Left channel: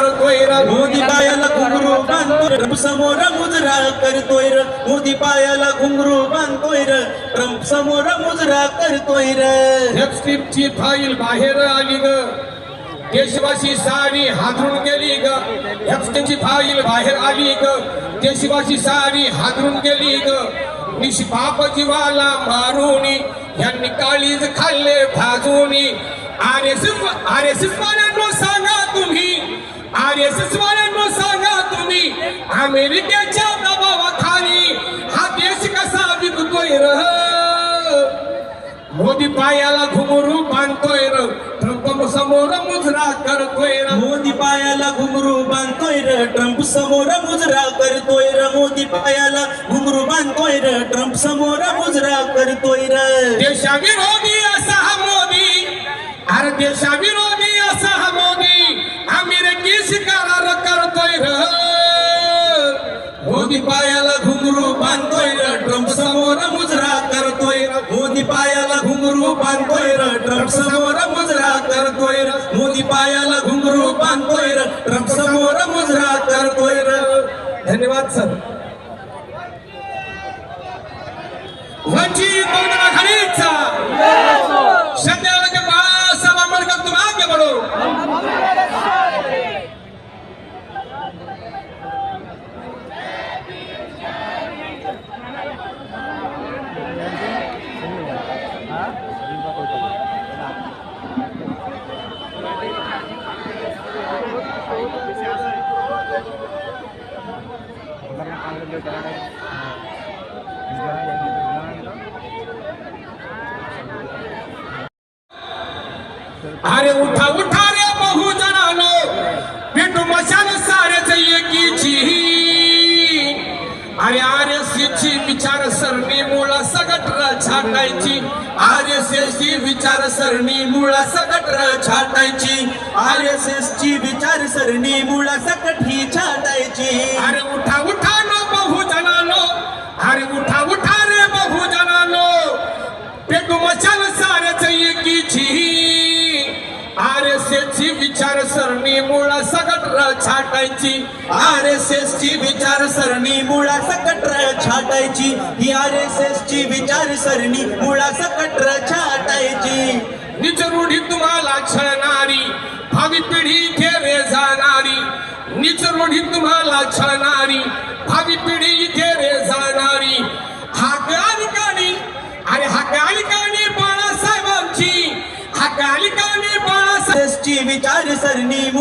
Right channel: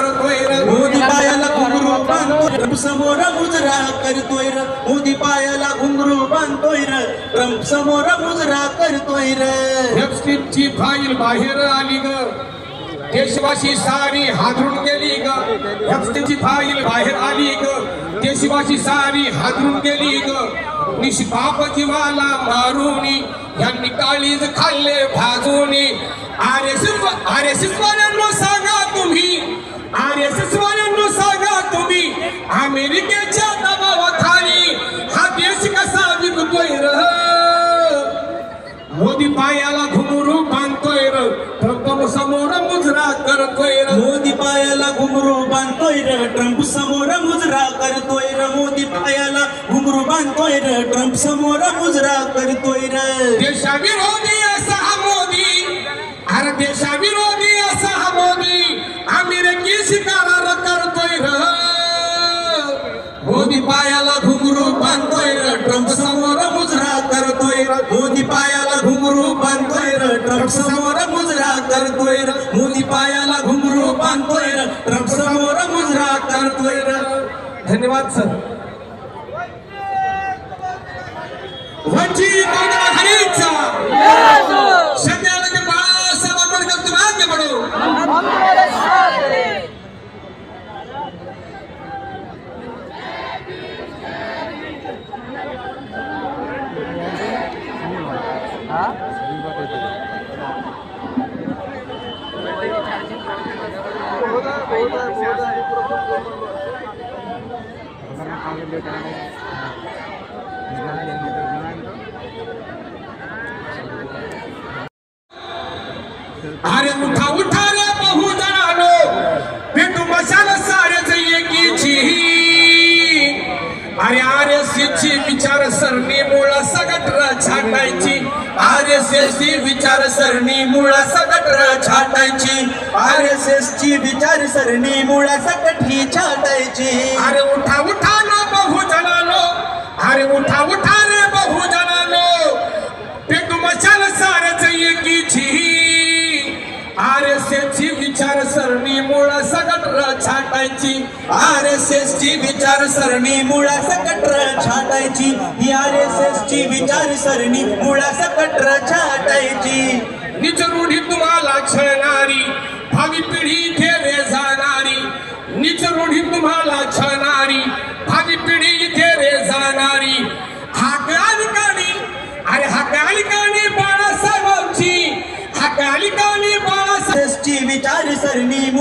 करतोय र मोदी पायाला घुंगरू बांधतोय ट्रम्प समोर मुजरा करतोय र मोदी पायाला घुंगरू बांधतोय र ट्रम्प समोर मुजरा करतोय र ची फाईल बाहेर आली ग देशवासी सारी हादरून गेली ग ची फाईल बाहेर आली ग देशवासी सारी हादरून गेली ग निष्पाप जीवाला मारूनी यांनी काळीज खाल्ले भाजूनी आरएसएस वाल्यांनो सांगा तुम्ही आरएसएस वाल्यांनो सांगा तुम्ही अमेरिकेच्या दबावाखाली हा देश कसा विकतोय र मोदी पायाला घुंगरू बांधतोय र ट्रम्प समोर मुजरा करतोय र मोदी पायाला घुंगरू बांधतोय र ट्रम्प समोर मुजरा करतोय र मोदी पायाला घुंगरू बांधतोय र ट्रम्प समोर मुजरा करतोय र देशाविरोधी असा हा मोदी अरे देशाविरोधी असा हा मोदी अमेरिकेशी करार करतोय र मोदी पायाला घुंगरू बांधतोय र ट्रम्प समोर मुजरा करतोय र मोदी पायाला घुंगरू बांधतोय र ट्रम्प समोर मुजरा करतोय र मोदी पायाला घुंगरू बांधतोय र ट्रम्प समोर मुजरा करतोय र धन्यवाद सर वंचित बहुजन आघाडीचा संध्याकाळच्या बाळासाहेब आंबेडकर तुम्ही आगे बढो अरे उठा उठा रे बहुजनानो पेटू मशाल सारेच एकीची अरे आरएसएसची विचारसरणी मुळा सगट छाटायची आरएसएसची विचारसरणी मुळा सगट छाटायची आरएसएसची विचारसरणी मुळा सकट ही छाटायची अरे उठा उठा नो बहुजनानो अरे उठा उठा रे बहुजनानो पेटू मशाल सारेच एकीची आरएसएसची विचारसरणी मुळा सगट छाटायची आरएसएसची विचारसरणी मुळा सकट छाटायची ही आरएसएसची विचारसरणी मुळा सकट छाटायची निज रूढी तुम्हाला छळणारी भावी पिढी घेरे जाणारी निज रूढी तुम्हाला छळणारी भावी पिढी घेरे जाणारी हाकालिकानी अरे हाकालिकानी बाळासाहेबांची हाकालिकानी बाळासाहेबची विचारसरणी मुळा